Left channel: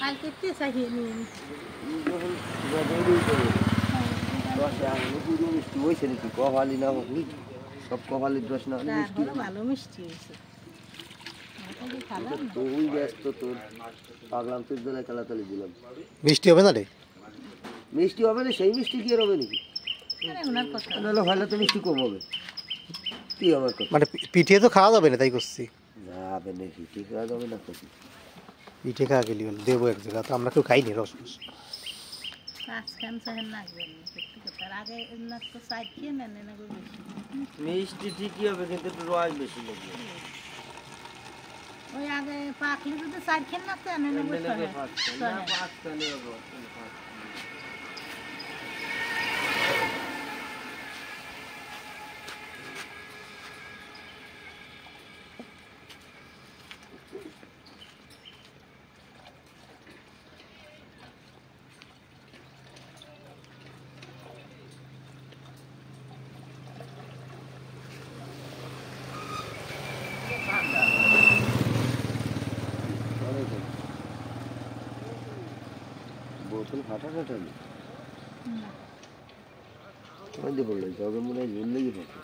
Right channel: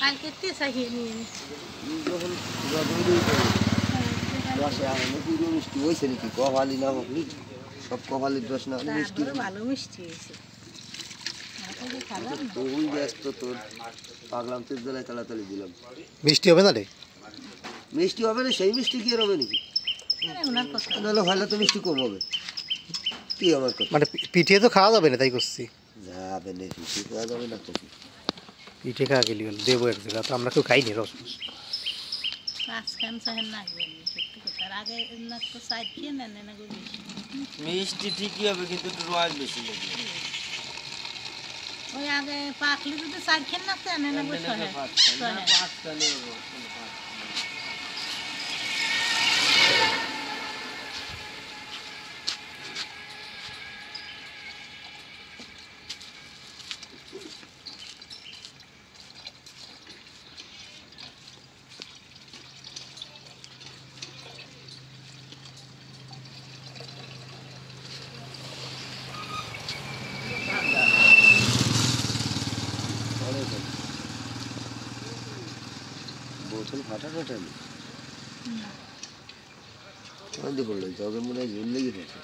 কালকে তে চাইয়ে নিয়ে যখন রোদেই তো দশে আনন্দ পুরো মিষ্টি হয়েছে নাকি কপালি না আপনি সব কপালের দোষ না মিষ্টি ভালো মিষ্টি হয়েছে তুই ব্যস্ত তোর পাগলাম তোর জন্য তাড়াতাড়ি দিলাম মিষ্টি হবে না রে মিষ্টি হবে না সেই মিষ্টি কি আর হবে নাকি নাহলে হলে তো মিষ্টি কম হবে কি আমার কথা মানে পিঠে তো খাওয়া যাবে না তাই করছি যাবে না পিঠে খাওয়া যাবে না তো পিঠে খাওয়া গেলি দেবো এক জায়গা তো আমরা কেউ খাইনি রস মিষ্টি ঠিকই হবে কিন্তু একটু রস বেশি লাগবে ওই আগে পাকলে যদি চার খেন না তো এনে নেবো বোতল ফাটা টাটা নেই মধ্যে পড়লো জগে মনে হয় জল লেগে পড়ছে